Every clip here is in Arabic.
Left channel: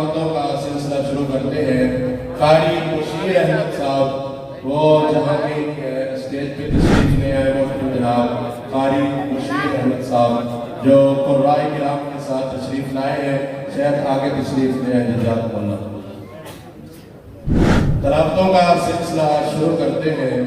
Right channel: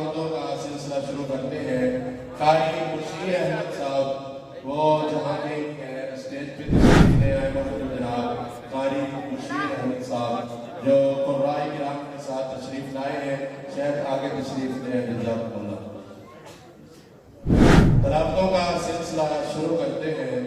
दावतों का सिलसिला शुरू करते हैं। कारी बशीर अहमद साहब वो जहाँ के स्टेज पे तशरीफ ले आए मौजूद जनाब कारी बशीर अहमद साहब जो कुर्राए किराम के साथ तशरीफ लाए हैं। शेख आगे तशरीफ ले आए। जज़ाकुमुल्लाह। तलावतों का सिलसिला शुरू करते हैं।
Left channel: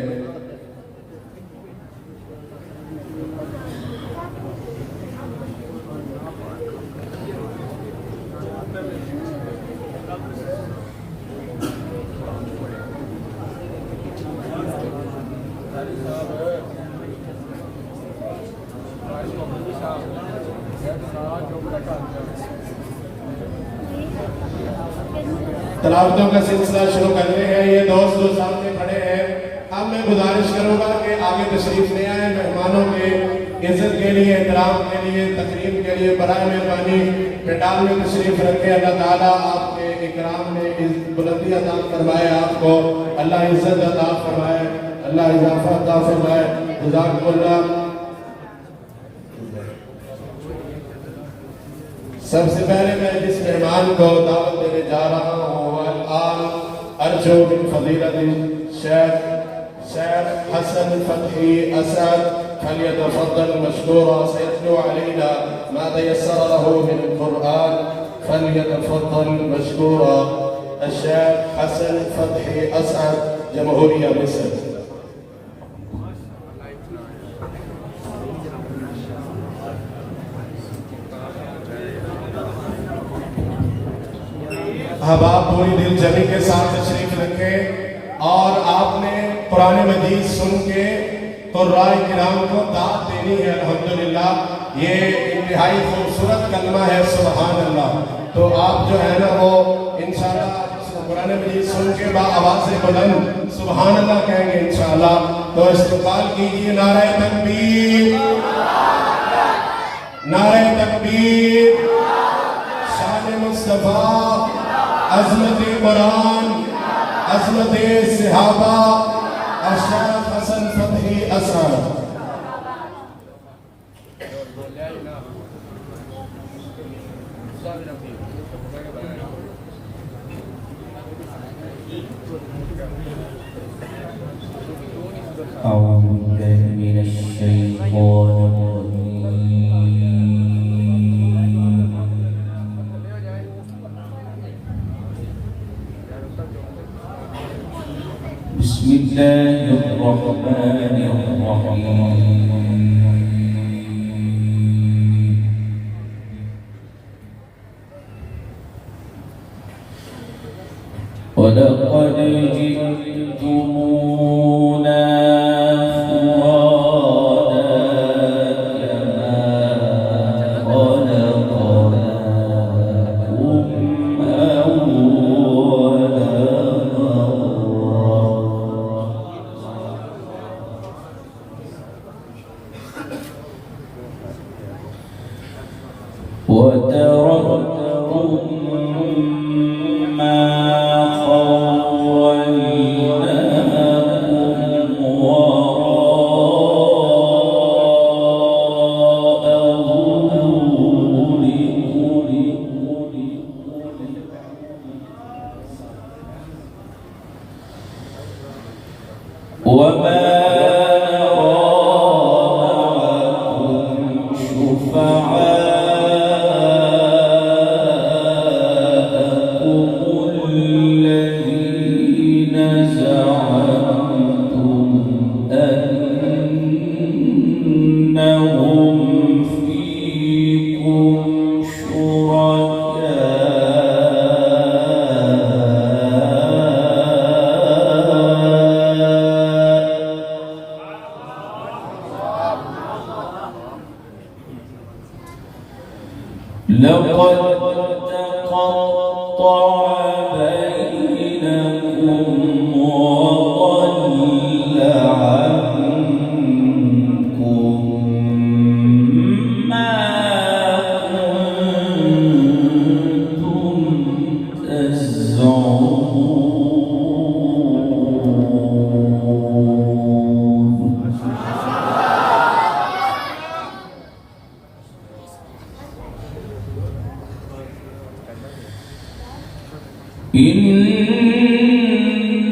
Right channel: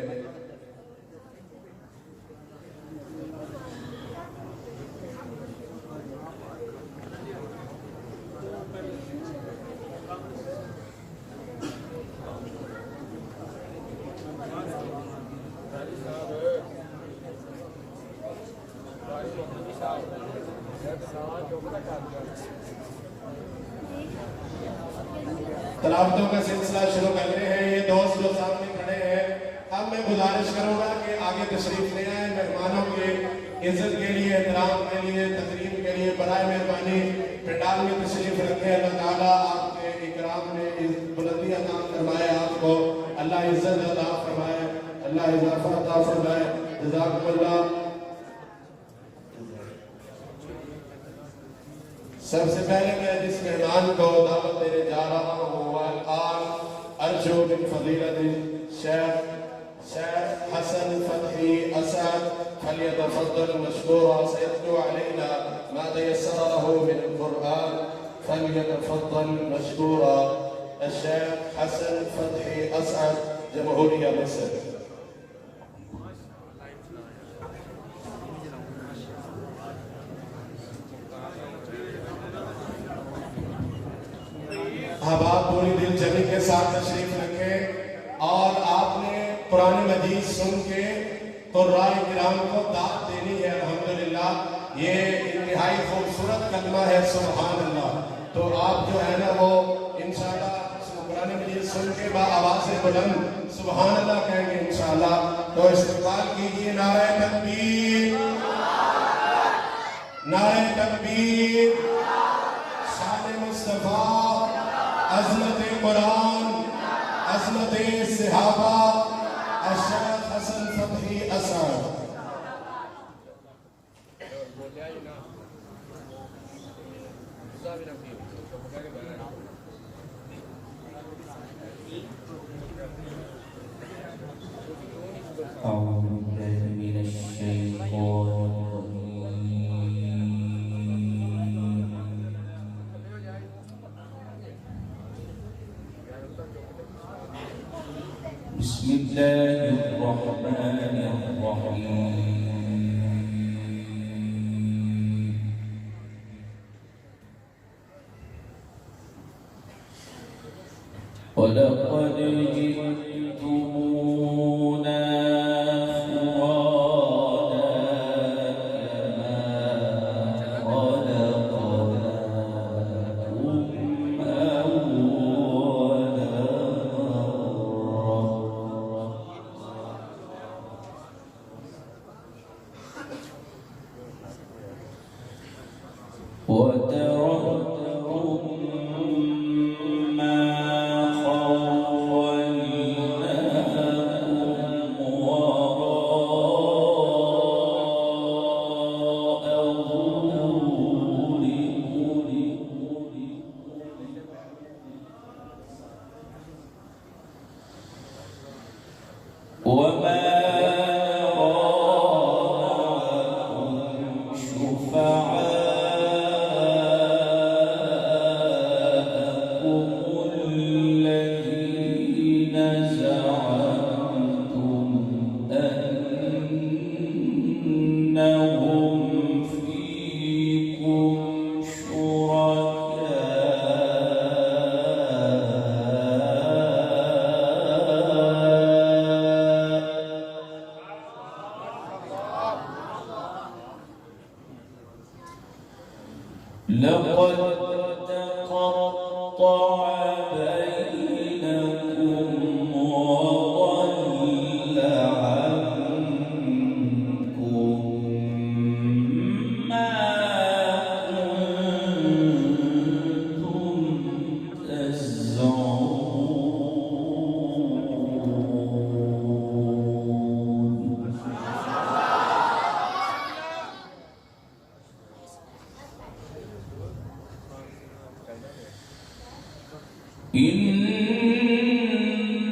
तलावतों का सिलसिला शुरू कर रहे हैं। ये दोस्त जो सामने खड़े हैं, अब मैं गुजारिश करूंगा कि आगे तशरीफ ले आए। मेहमानों के इज्जत के लिए, एहतराम के लिए, तकरीम के लिए बराए मेहरबानी पंडाल में तशरीफ रखे। अल्लाह ताला आपके इकराम ने बुलंदी अता फरमाए, आपको अल्लाह इज्जत अता फरमाए, अल्लाह इजाफा अता फरमाए। जज़ाकुमुल्लाह। सबसे पहले मैं जिस मेहमान को दावत देने जा रहा हूँ अर्जो बिन फजीलत शेख हसन फतही असद फलियतफद्दल मशकूरा सयतलू अलैना मा तयस्सर लहू मिन कुरआन फलियतफद्दल मशकूरा। शेख हसन फतही असद, जमहूरिया मिस्र। अब आप पूरी दिल जमी के साथ तशरीफ रखें और आपने कुरान मजीद सुन के कुर्राए किराम को दाद देनी है। अल्हम्दुलिल्लाह ये इंतहाई खूबसूरत कलमा है, सुभान अल्लाह। तो आप जो है ना वो इंशाअल्लाह कुरान मजीद सुन के आवाज़ से बुलंद सुभान अल्लाह कहेंगे इंशाअल्लाह। तो इस्तक़बाल कीजिए। नारे तकबीर, नारे तकबीर, शान मुस्तफा, अज़मत कुरान, अज़मत सहाबा, शेख हसन फतही असद। ولقد جئتمونا إن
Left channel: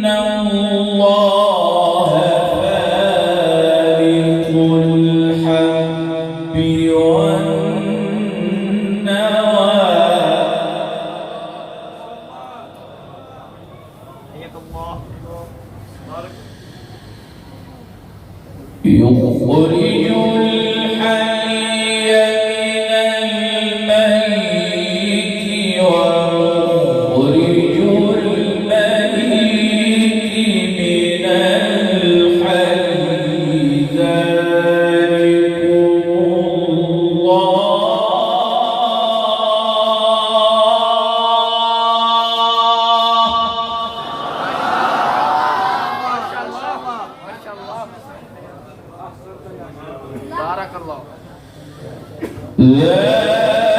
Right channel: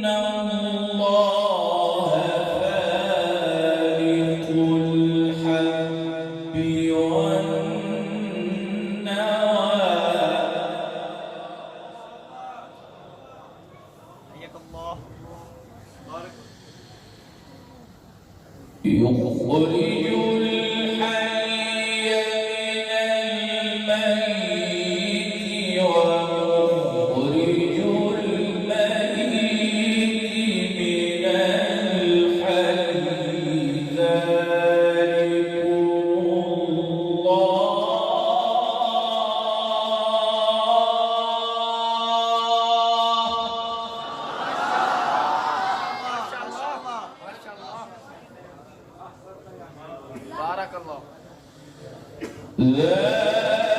الله فالق الحب والنوى يخرج الحي من الميت ومخرج الميت من الحي ذلكم بارك الله. ذلكم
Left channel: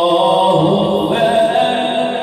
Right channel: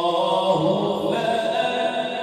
الله فأنا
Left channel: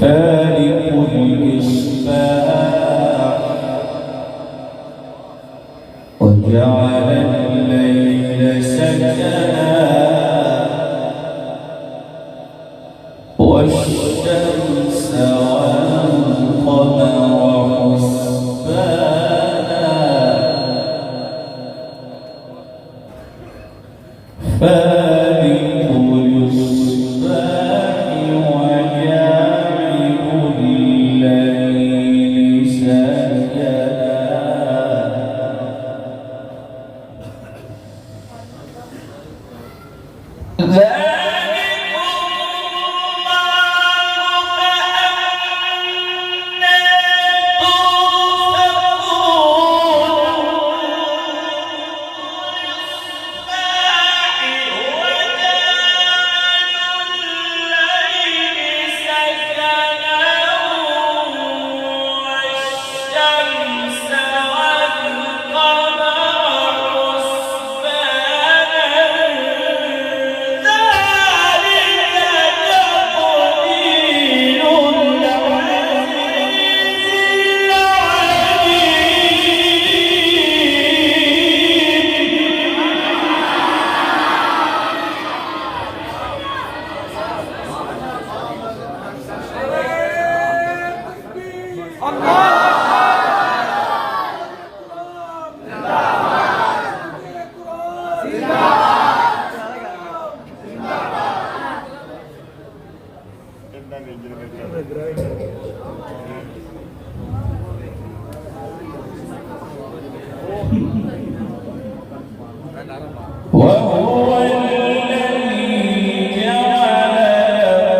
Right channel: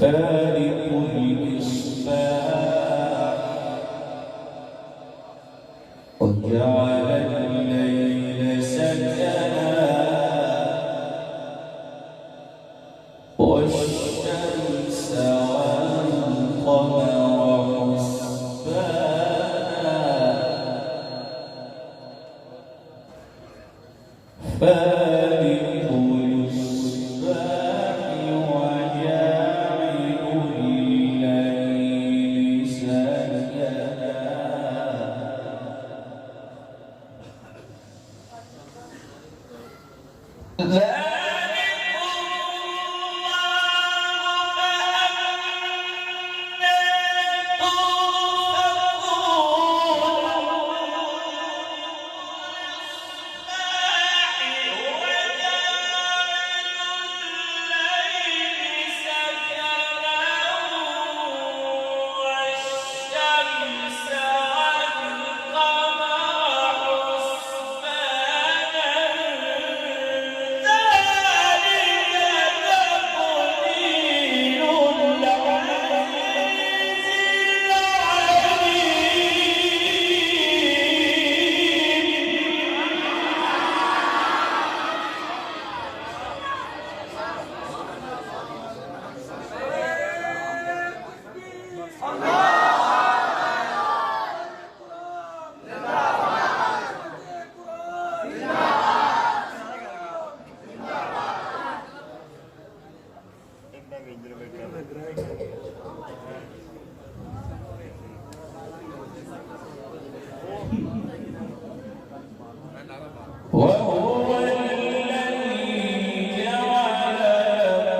فالق الإصباح وجعل الليل سكنا والشمس والقمر حسبانا فالق الإصباح وجاعل الليل سكنا وهو الذي جعل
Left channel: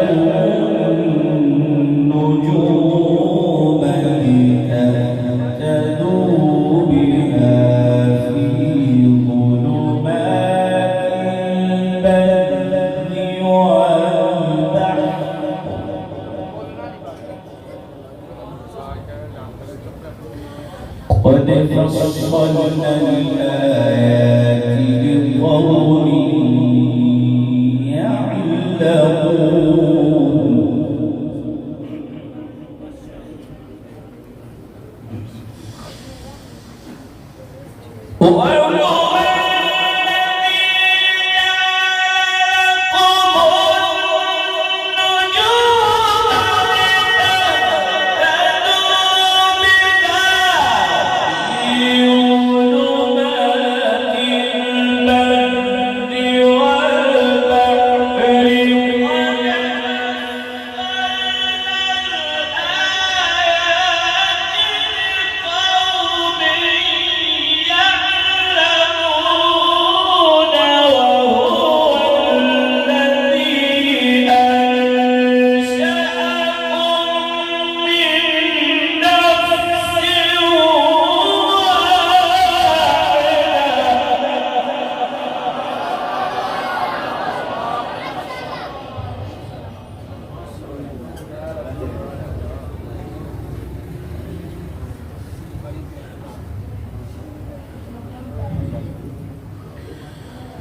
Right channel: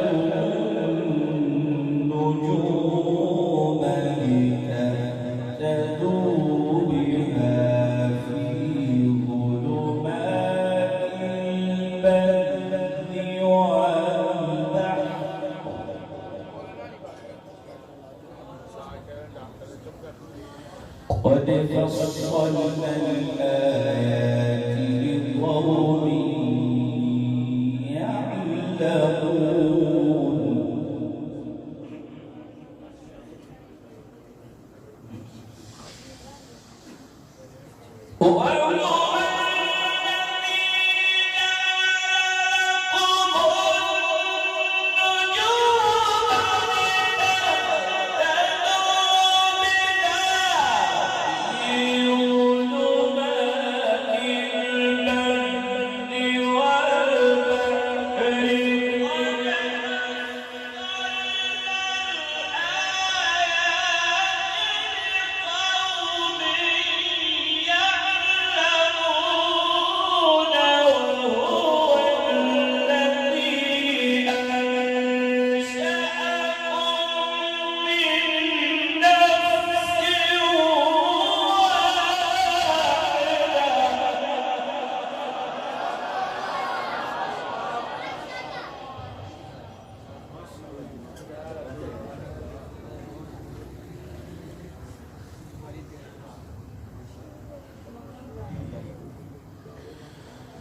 لكم النجوم لتهتدوا بها في ظلمات البر والبحر قد فصلنا الآيات لقوم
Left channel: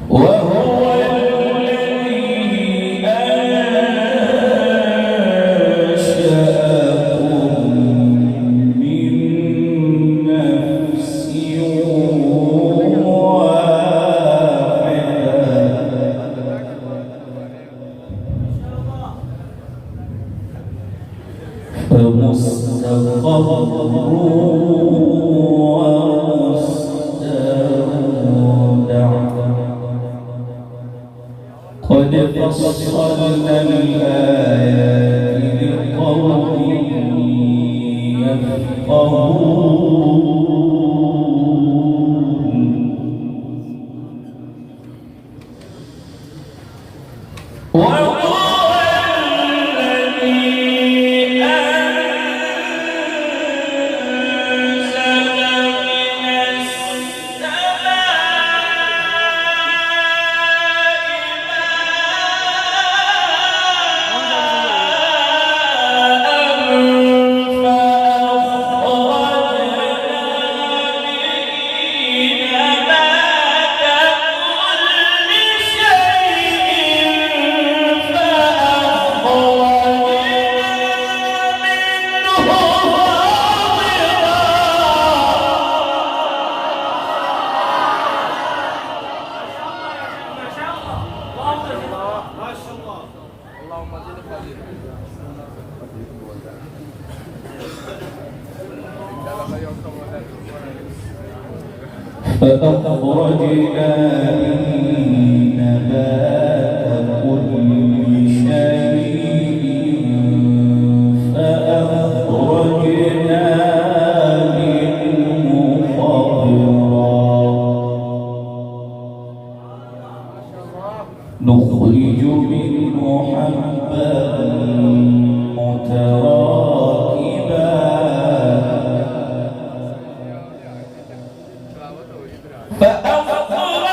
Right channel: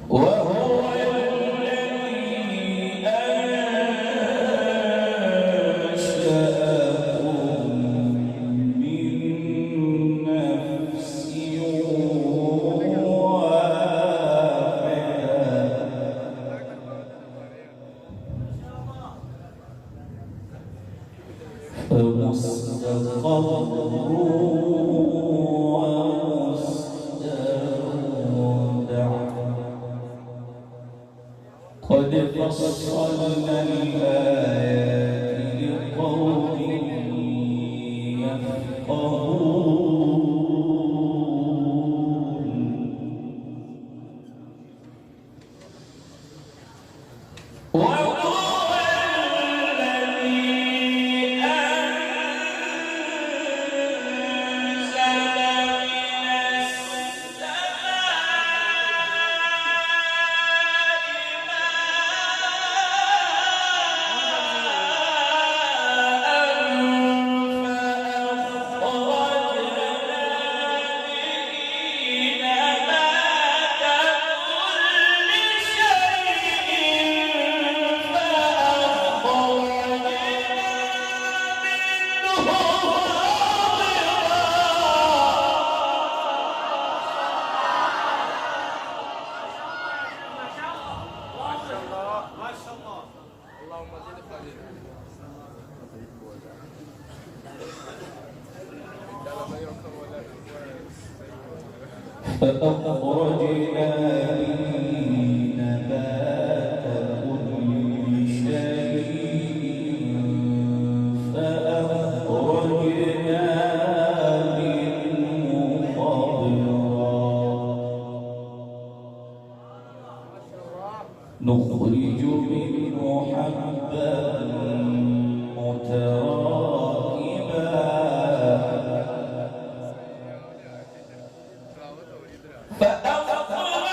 وهو الذي أنشأكم من نفس واحدة فمستقر قد فصلنا الآيات لقوم يفقهون وهو الذي فأخرجنا به نبات كل شيء فأخرجنا منه خضرا نخرج منه حبا متراكبا فأخرجنا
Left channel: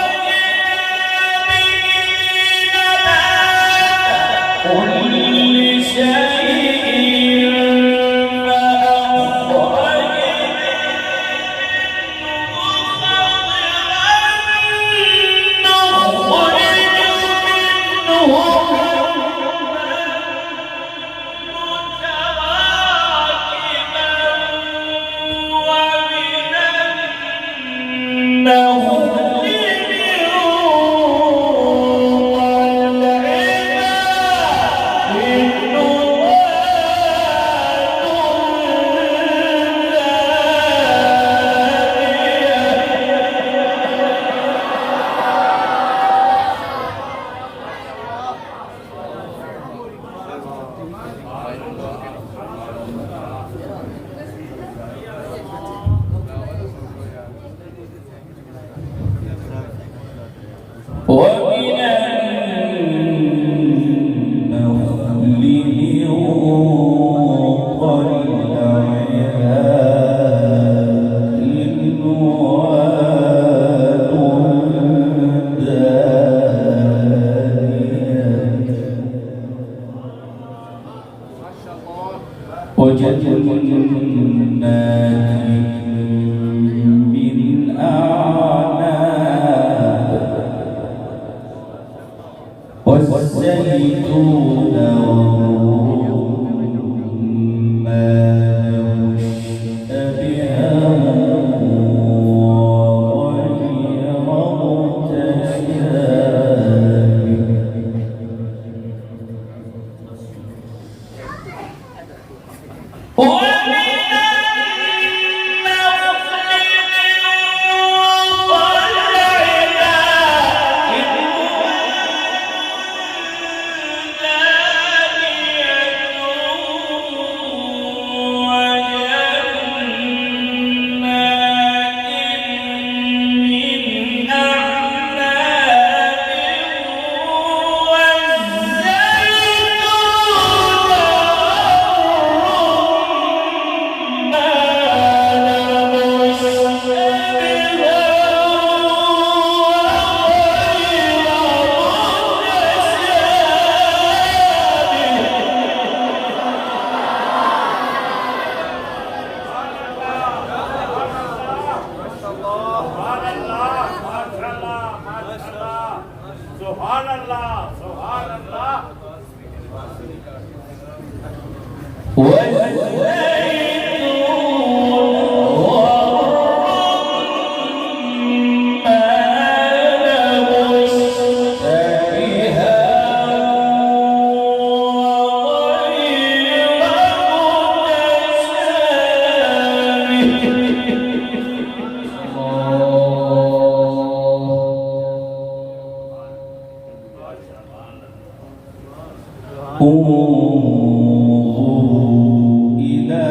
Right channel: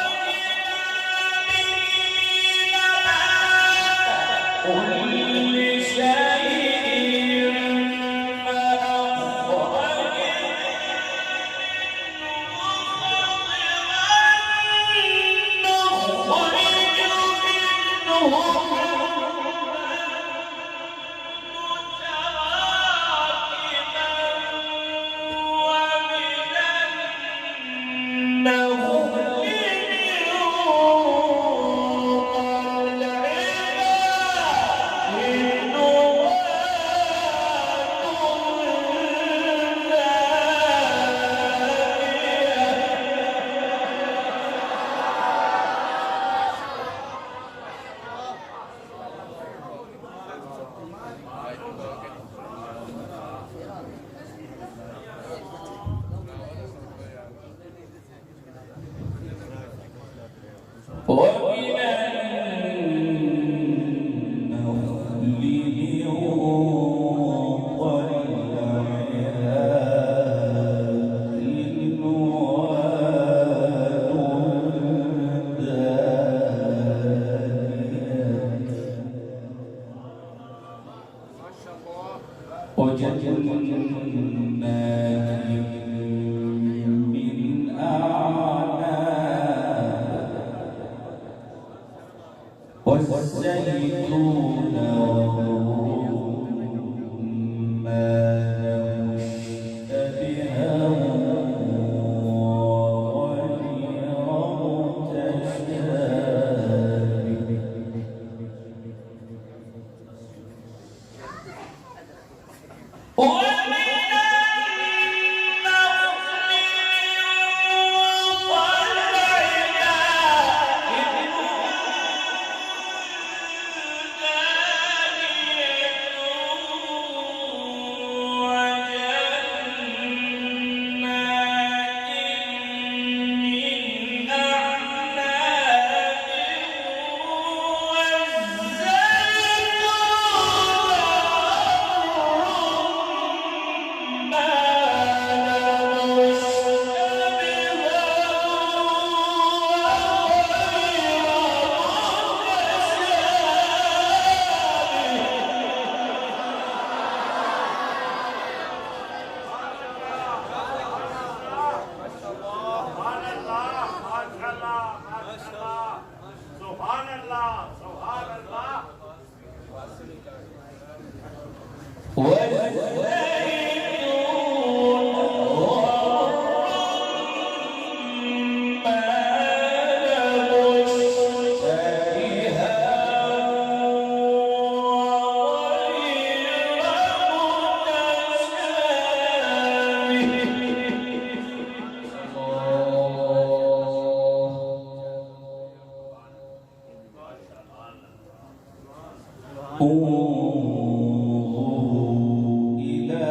انظروا إلى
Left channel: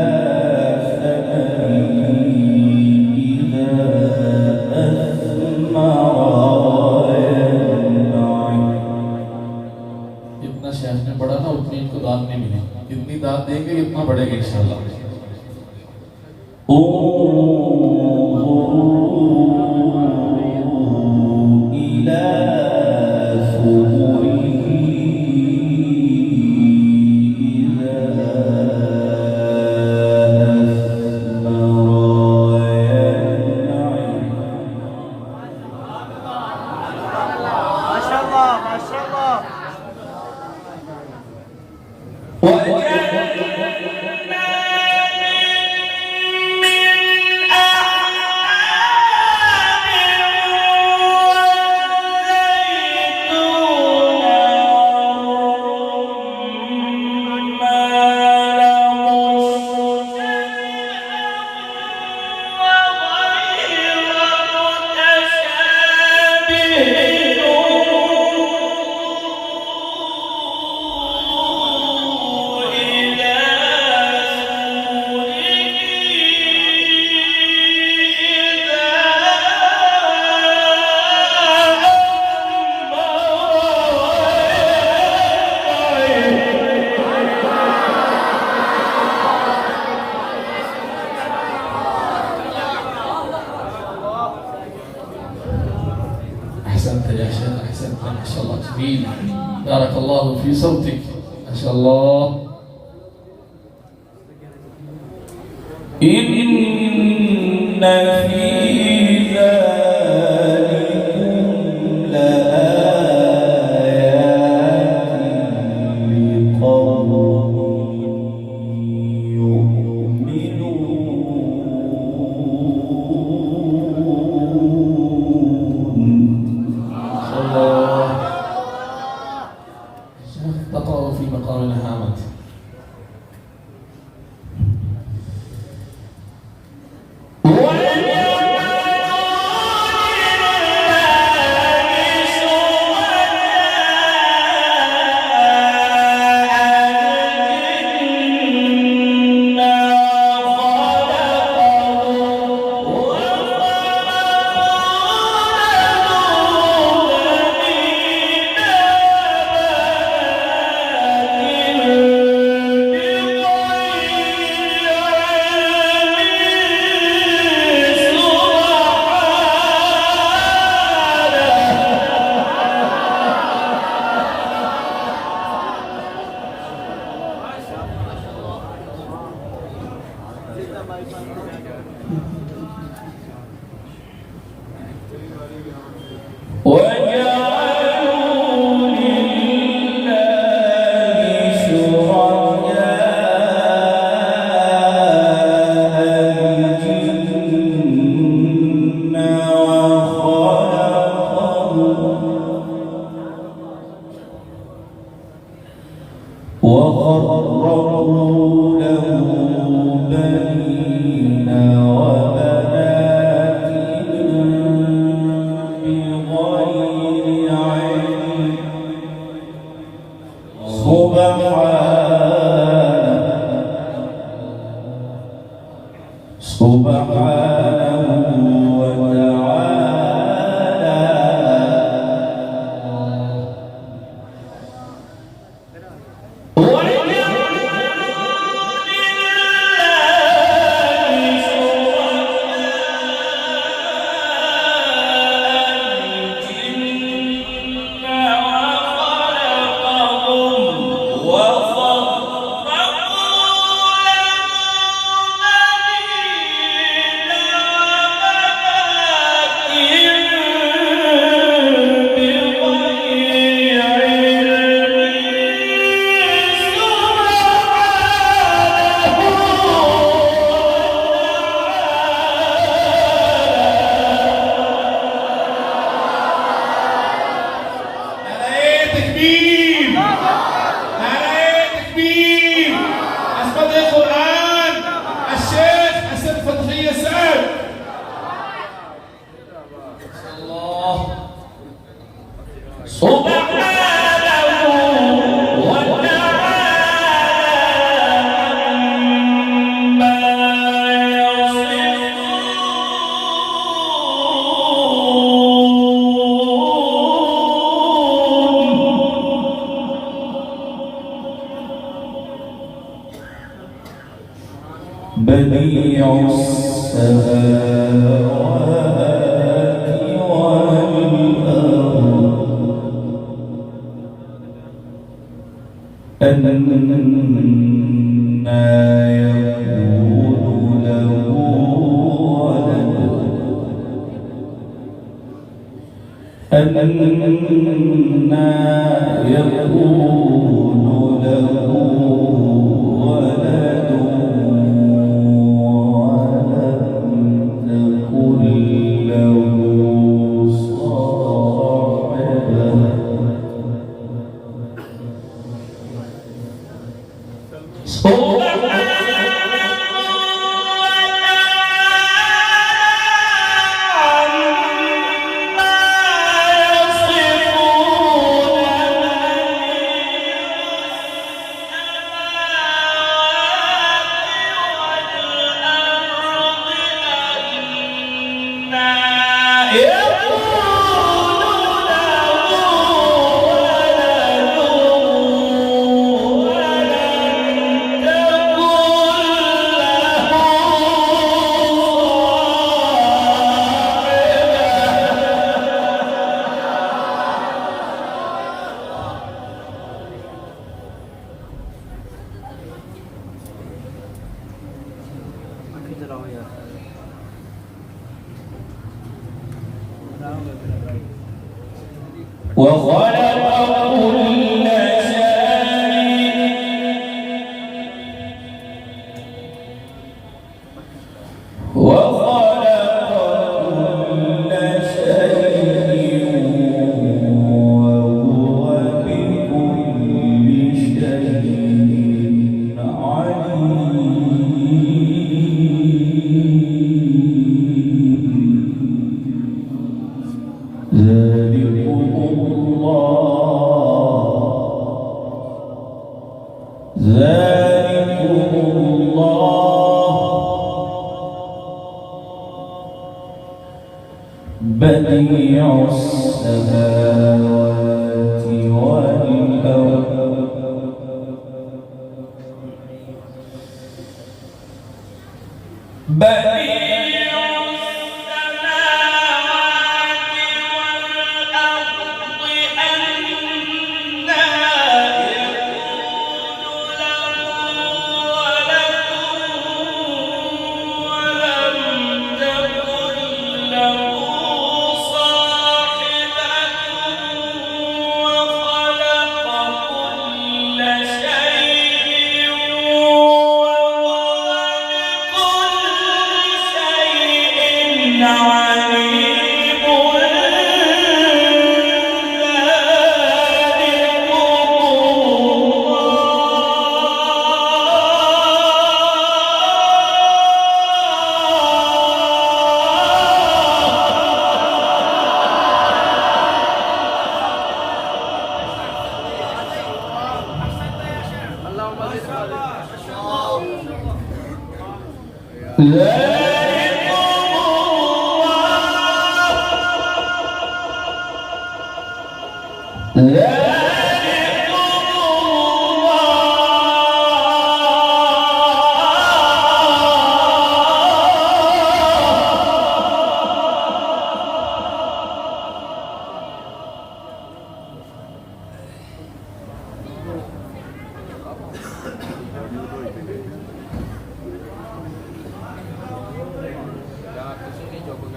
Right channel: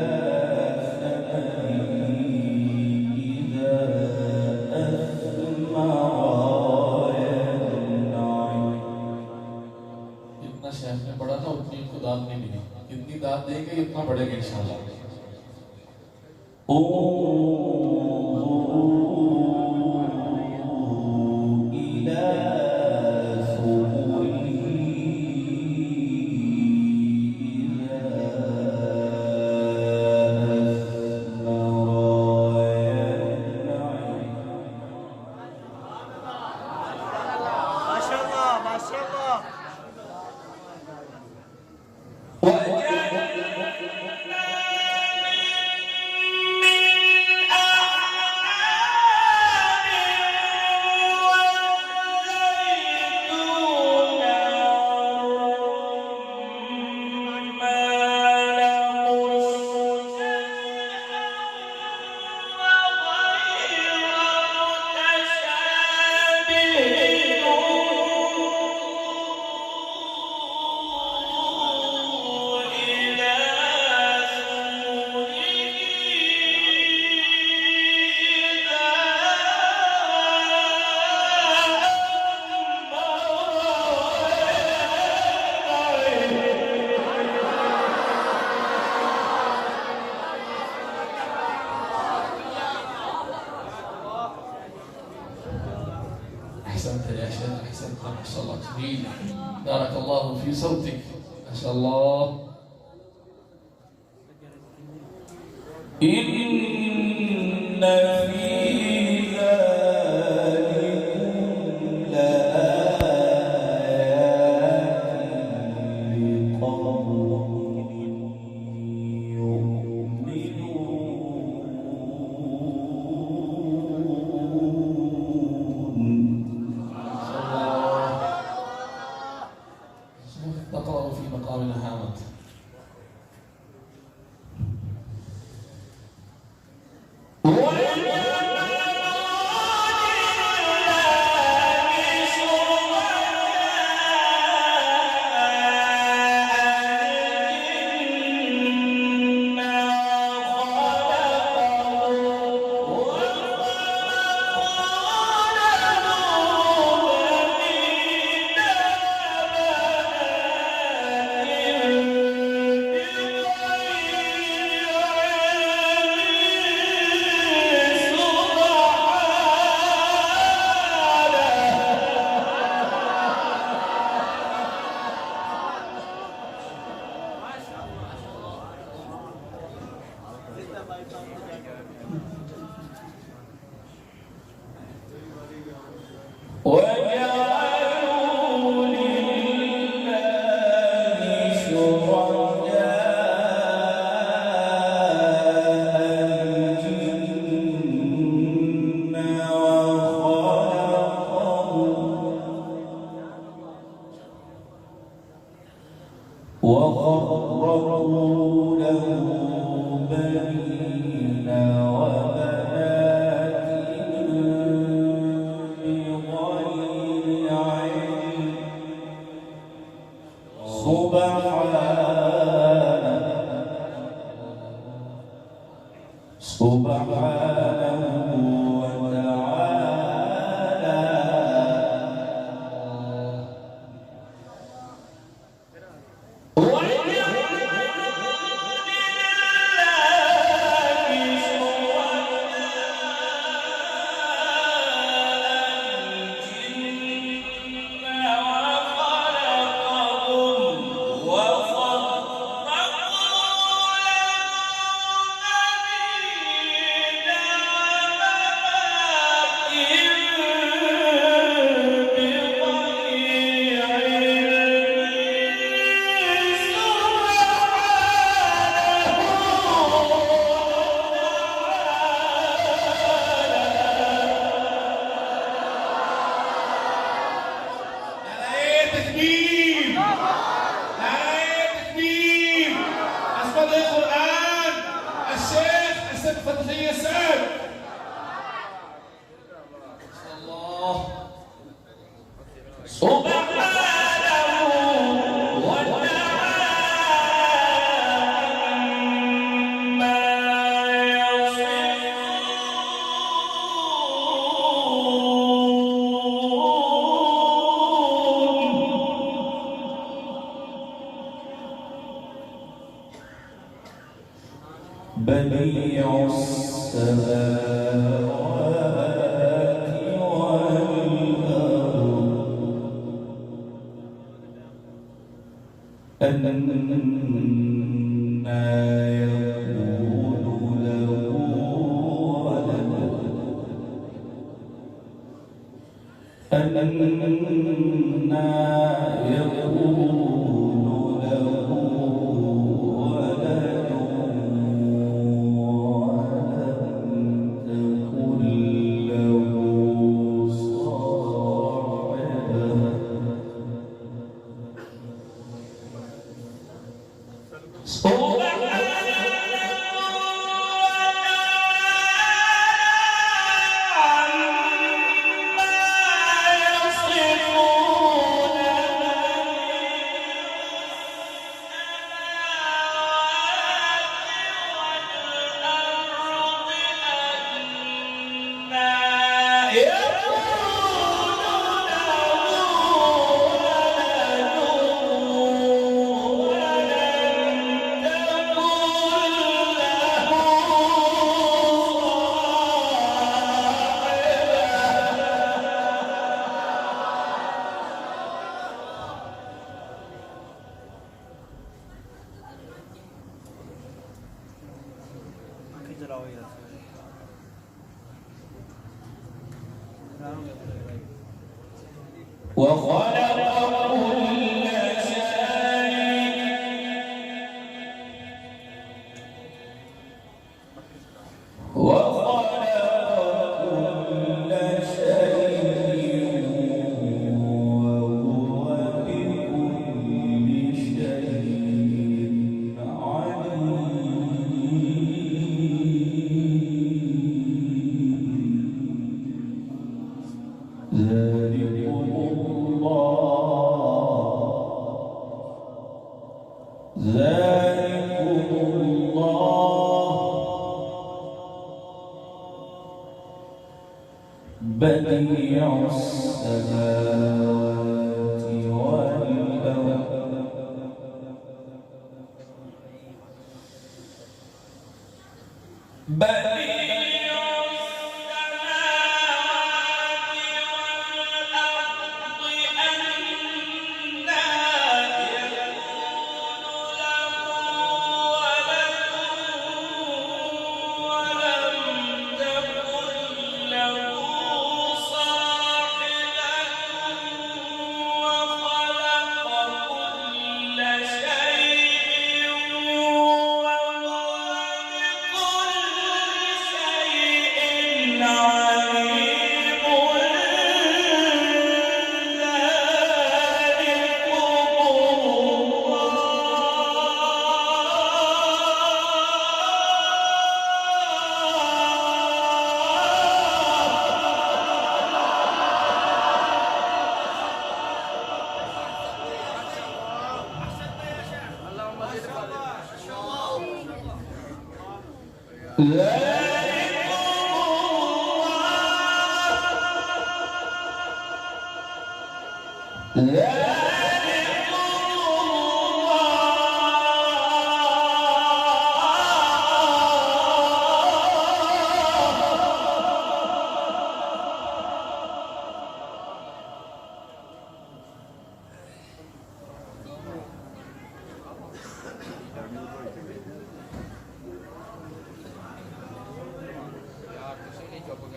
ثمره إذا أثمر وينعم जितना शेख ने पढ़ा ना उतनी इनको दाद नहीं मिली, जितनी दाद देंगे इतना बढ़ेगा इंशाल्लाह। انظروا إلى ثمره إذا أثمر وينعم ما شاء الله ما شاء الله أحسنت يا شيخ، أحسنت ما شاء الله، جميل، بارك الله في صوتك ما شاء الله. إن في ذلكم لآيات لقوم يؤمنون شيخ تقرأ في مقام هامت. بديع السماوات والأرض أنى يكون له ولد أنى يكون له ولد وخلق كل شيء وهو بكل شيء عليم ذلكم الله بديع السماوات والأرض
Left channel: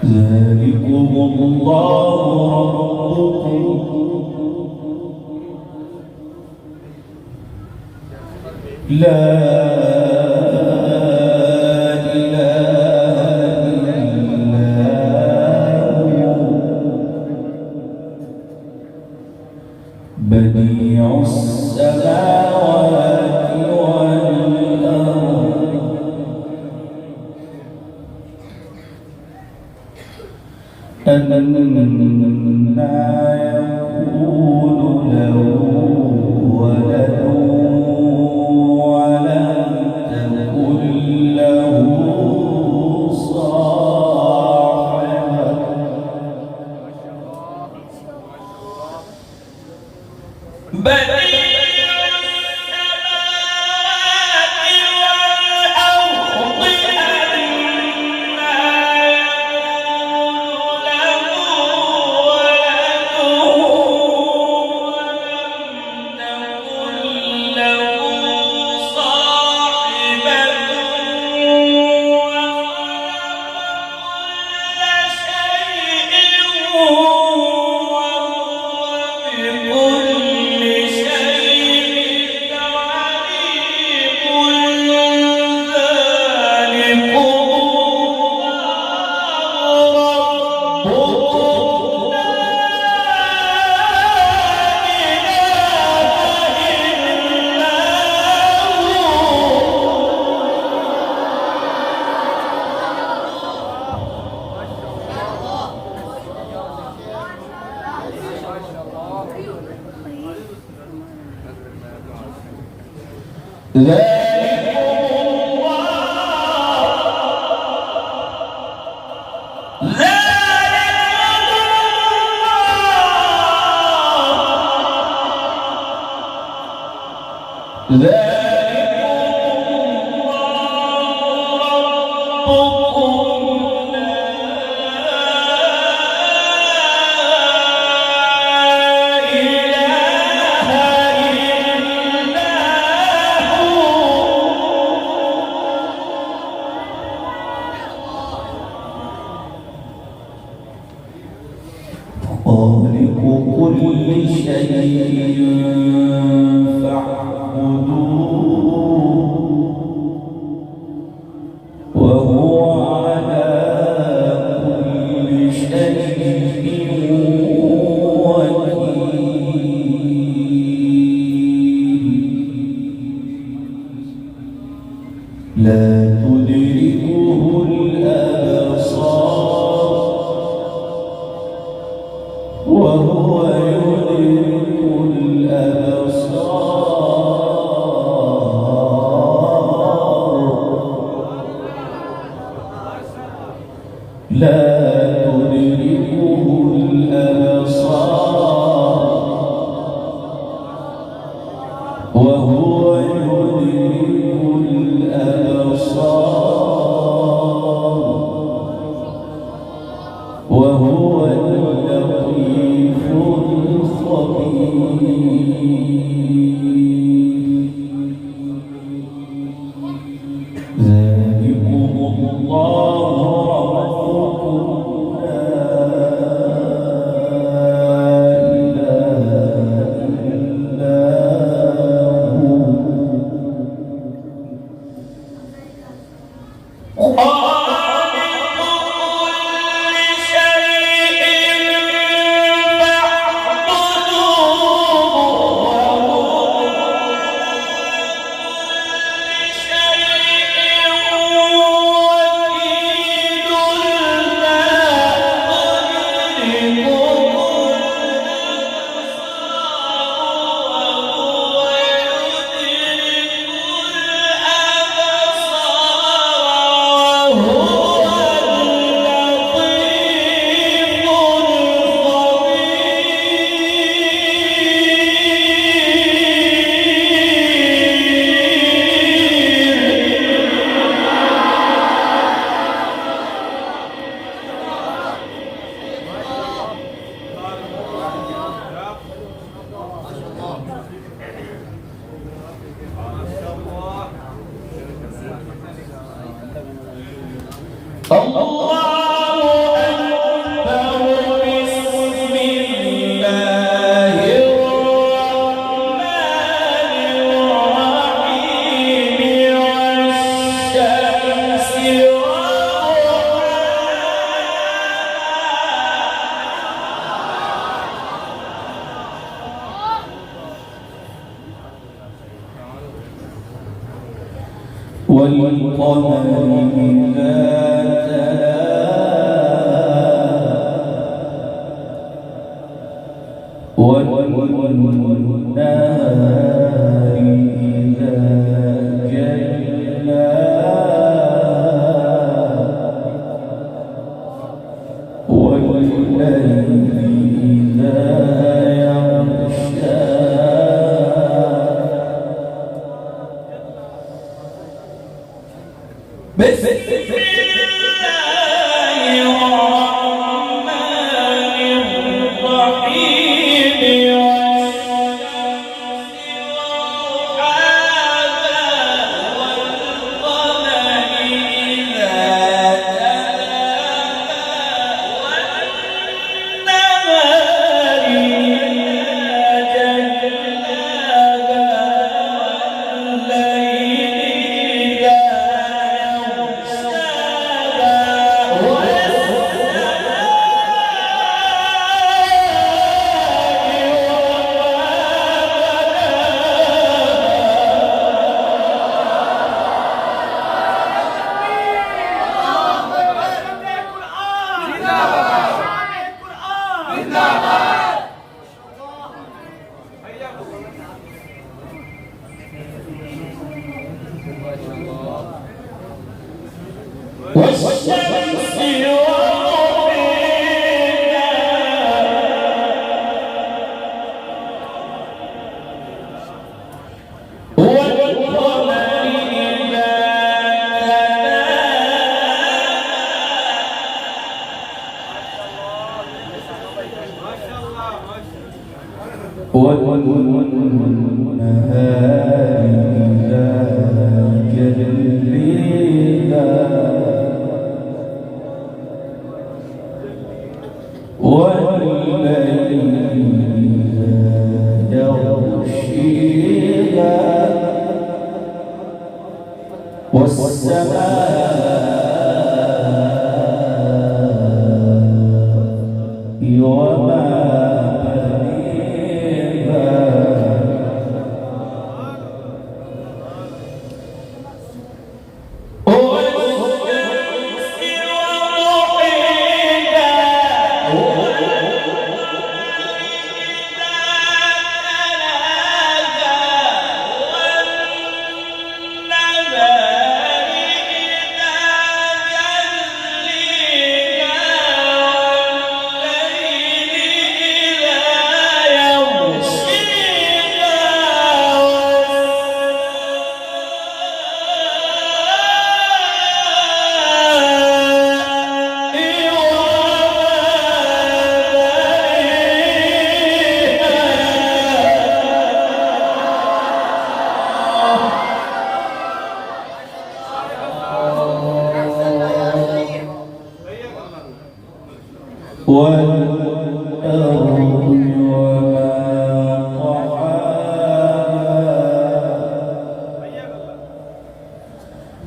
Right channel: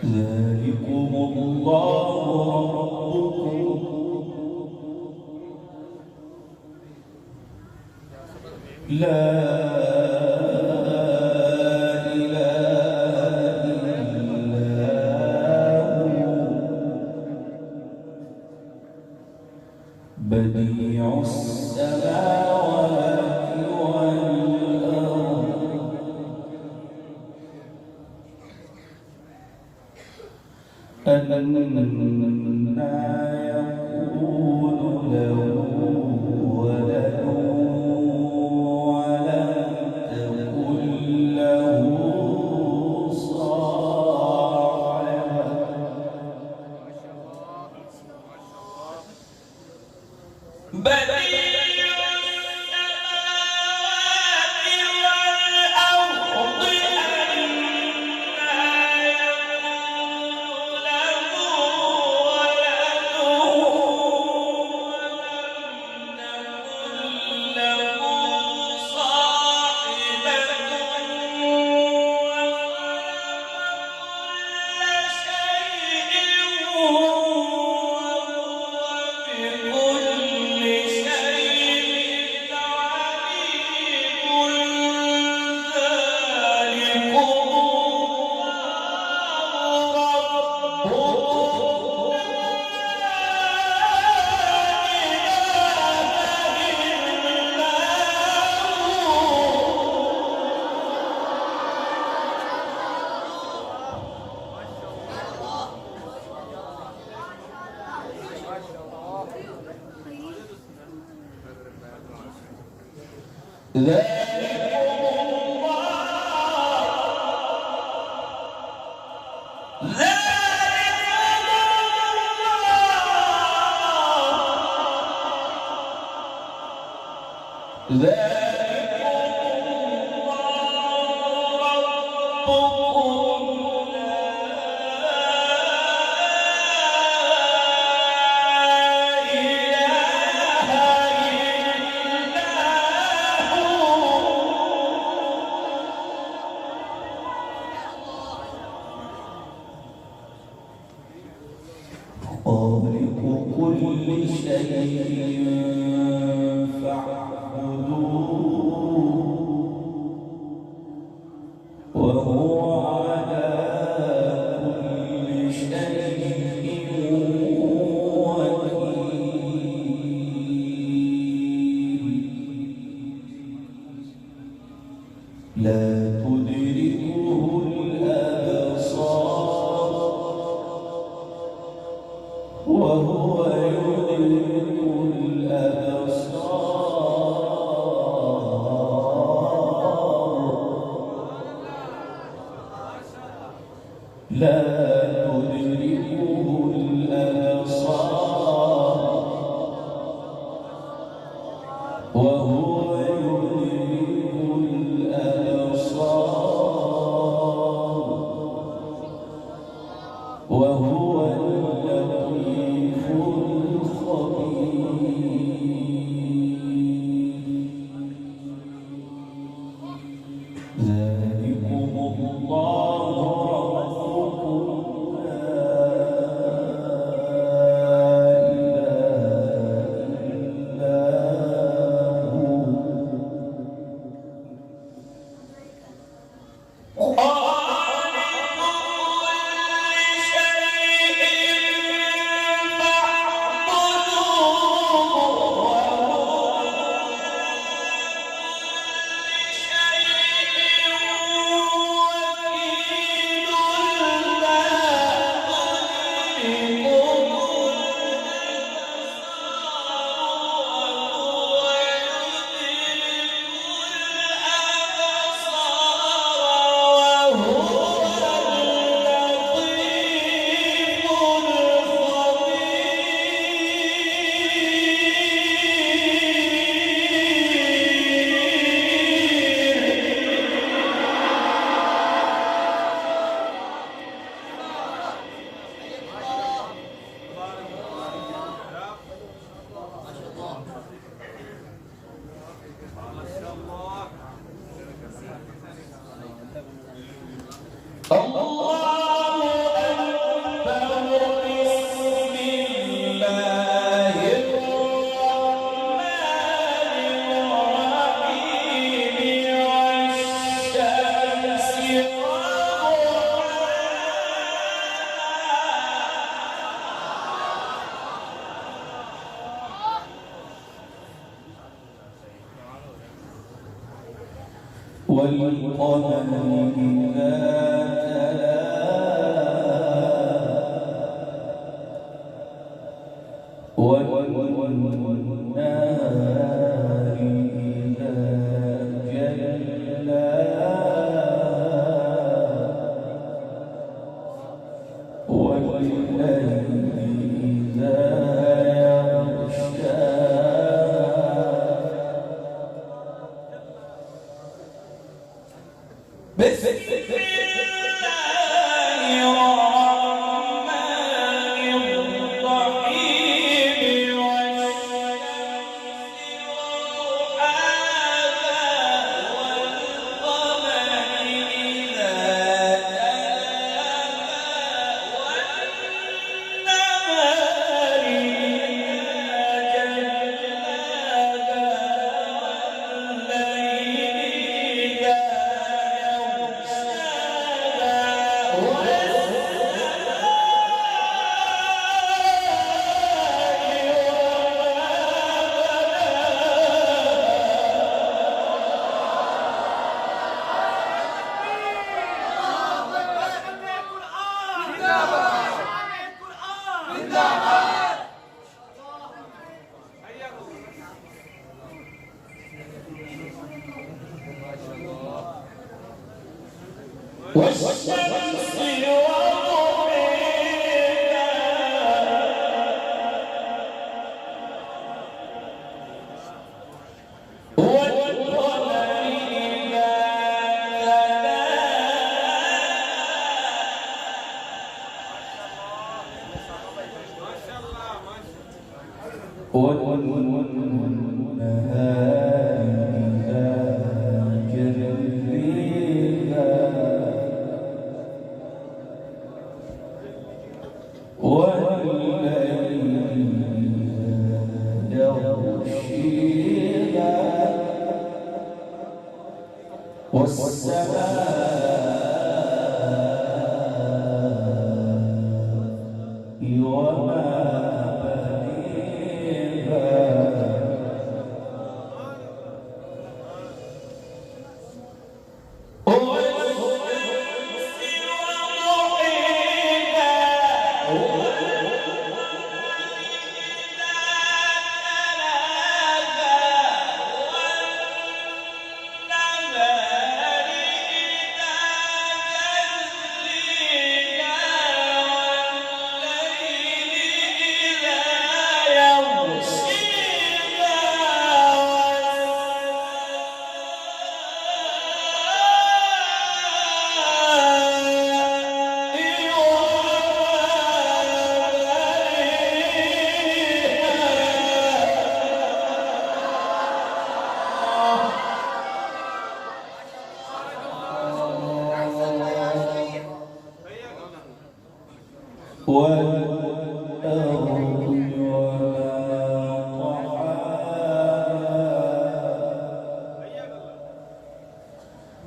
ذلكم الله ربكم لا إله إلا هو بديع السماوات والأرض يكون له ولد ولم تكن له صاحبة خالق كل شيء فاعبدوه وهو على كل شيء وكيل لا تدركه الأبصار وهو يدرك الأبصار لا تدركه الأبصار وهو يدرك الأبصار وهو اللطيف الخبير ذلكم الله ربكم لا إله إلا هو والقمر إذا تلاها والليل إذا يغشى بسم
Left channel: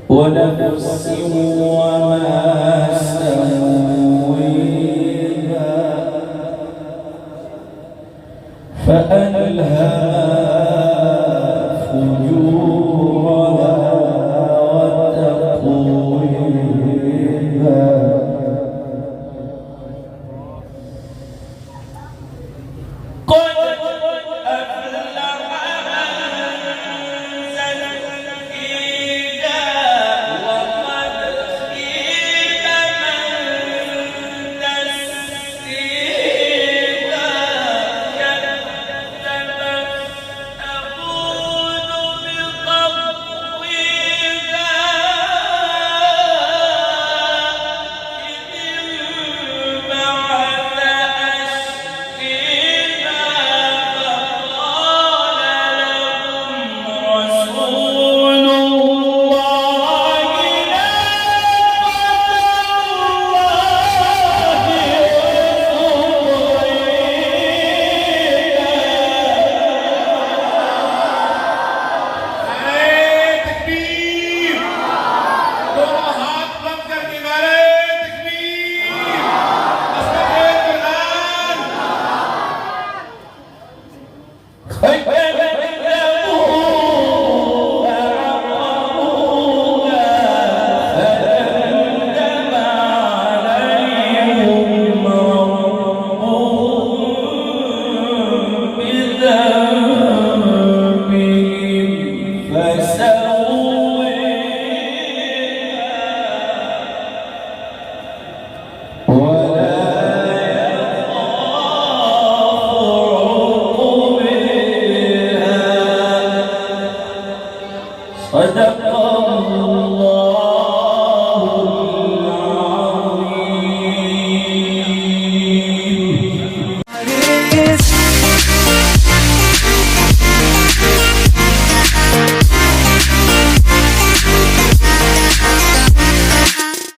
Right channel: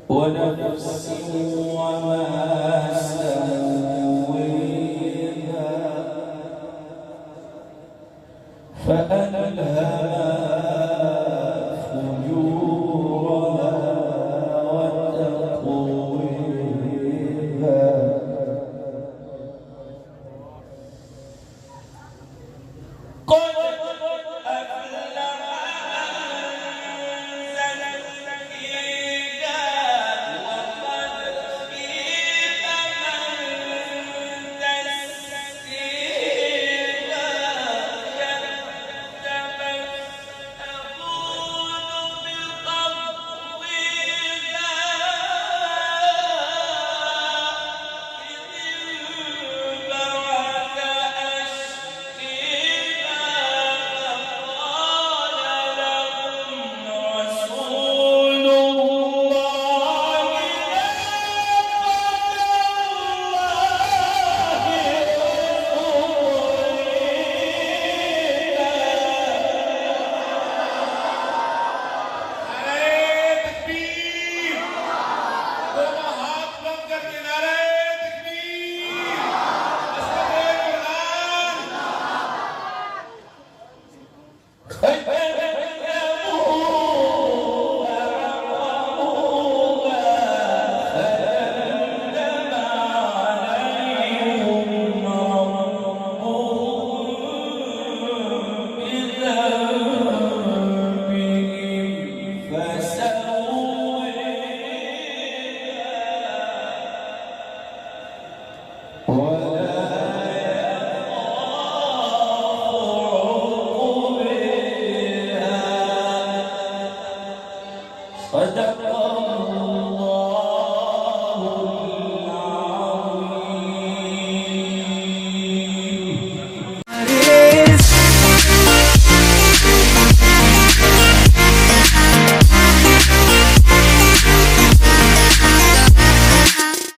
ونفس وما سويها فألهمها